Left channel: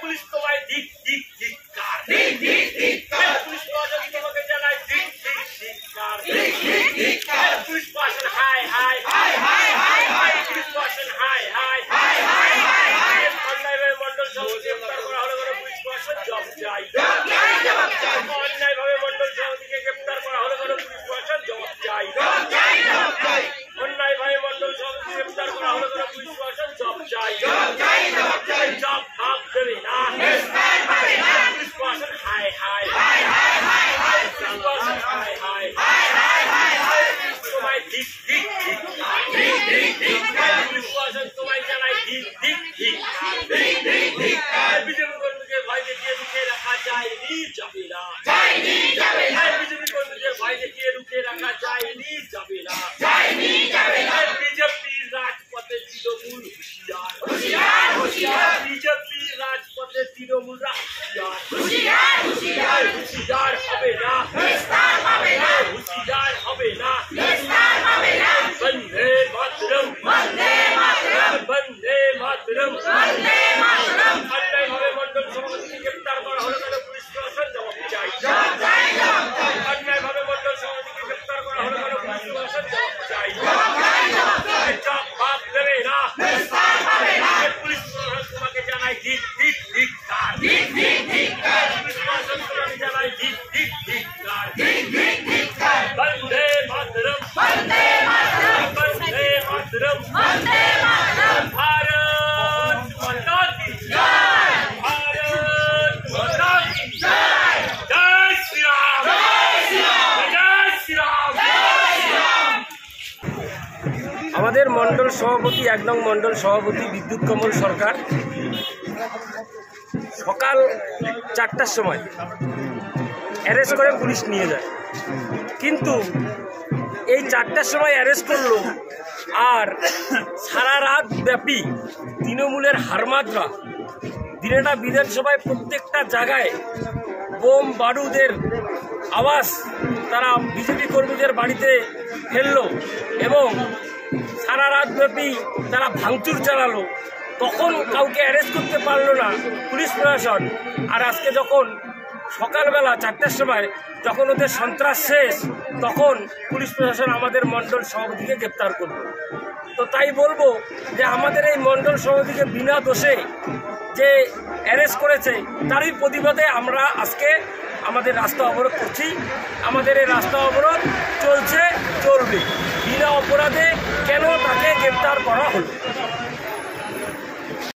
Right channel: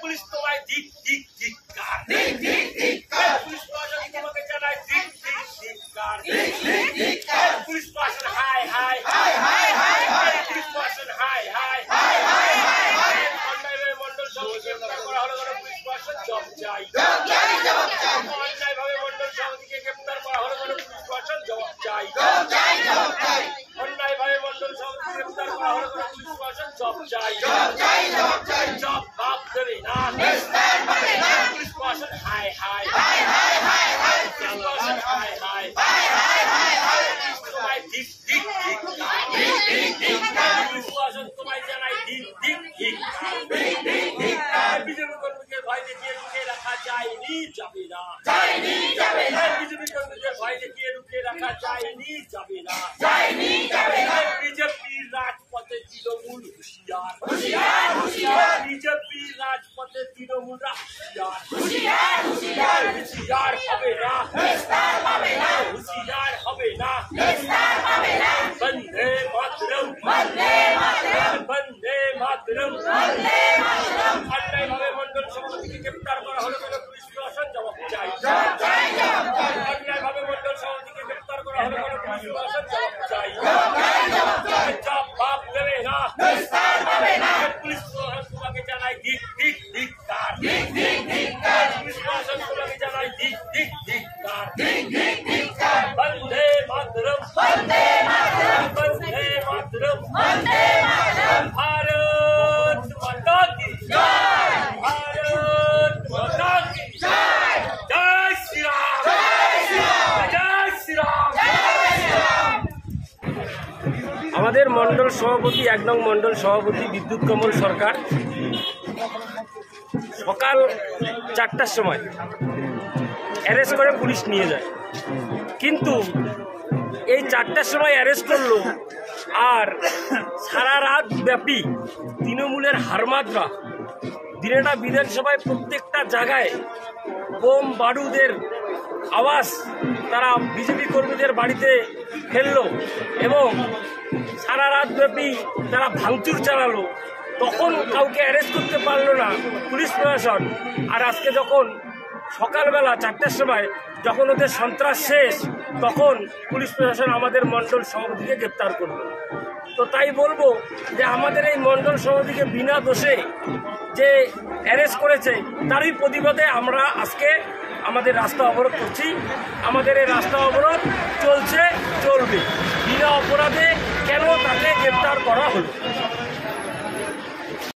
Police তোমায় দিক দিক ধিক্কার, পুলিশ প্রশাসন তোমাকে জানায় দিক দিক ধিক্কার, পুলিশ প্রশাসন হাই হাই, পুলিশ প্রশাসন হাই হাই, অন্যায়ভাবে মন্ডল সভাপতি গ্রেপ্তার করা হলো কেন? পুলিশ প্রশাসন জব চাই। অন্যায়ভাবে মন্ডল সভাপতিকে গ্রেপ্তার করা হলো কেন? পুলিশ প্রশাসন জব চাই। অন্যায়ভাবে মন্ডল সভাপতি গ্রেপ্তার করা হলো কেন? পুলিশ প্রশাসন জব চাই। জব ভাব দেবে না, পুলিশ প্রশাসন হাই হাই, পুলিশ প্রশাসন হাই হাই, তোমায় দিক দিক ধিক্কার, পুলিশ প্রশাসন তোমায় জানায় দিক দিক ধিক্কার। বিজেপি কর্মীকে ভয় দেখিয়ে রুখে রাখা যায়নি, যাবে না। বিজেপি কর্মীকে ভয় দেখিয়ে রুখে রাখা যায়নি, যাবে না। বিজেপির রাজপথে তৃণমূল হুঁশিয়ার, বিজেপির রাজপথে তৃণমূলরা হুঁশিয়ার হবে না, হুঁশিয়ার হবে না। বন্দে মাতরম, বন্দে মাতরম। অন্যায়ভাবে মন্ডল সভাপতিকে গ্রেপ্তার করা হলো কেন? পুলিশ প্রশাসন জবাব চাই। অন্যায়ভাবে মন্ডল সভাপতিকে গ্রেপ্তার করা হলো কেন? পুলিশ প্রশাসন জবাব চাই। জব ভাব দেবে না, পুলিশ প্রশাসন তোমাকে জানায় দিক দিক ধিক্কার, পুলিশ প্রশাসন তোমাকে জানায় দিক দিক ধিক্কার। বন্দে মাতরম, বন্দে মাতরম। भारत माता की जय, भारत माता की जय। जय श्री राम, जय श्री राम। আমাদের মন্ডল সভাপতি 1 নং মন্ডল সভাপতি বিদ্যুৎ কমল সরকার সকাল 4টার সময় অ্যারেস্ট করে পুলিশ নিয়ে যায়, কিন্তু এই 4টার সময় অ্যারেস্ট করলো আর সারা রাত ব্যাপী তৃণমূলের হারমাদরা দিনেটা বিধানসভায় প্রত্যেকটা জায়গায় বোম বারুদের আওয়াজ তারা বিজেপি কর্মীদের বাড়িতে ফেললো এবং সারা রাত ব্যাপী তারা ভাঙচুর চালালো। তখন কাউকে অ্যারেস্ট করতে পারলো না পুলিশ প্রশাসন। আর আজকে যখন সকালবেলা 4টার সময় যখন ওদের সন্ত্রাস শেষ, তখন পুলিশ প্রশাসন আমাদের মন্ডল সভাপতিকে গ্রেপ্তার করলো। তো তাই বলবো যে আমাদের এই মন্ডল সভাপতিকে বিনা দোষে যে অ্যারেস্ট করেছে তারই প্রতিবাদে আমরা আজকে আমাদের রাস্তা অবরোধ করছি। আমাদের এই রাস্তা অবরোধ চলছে, চলবে। বিনা অপরাধে কেন তাকে গ্রেপ্তার করা হলো?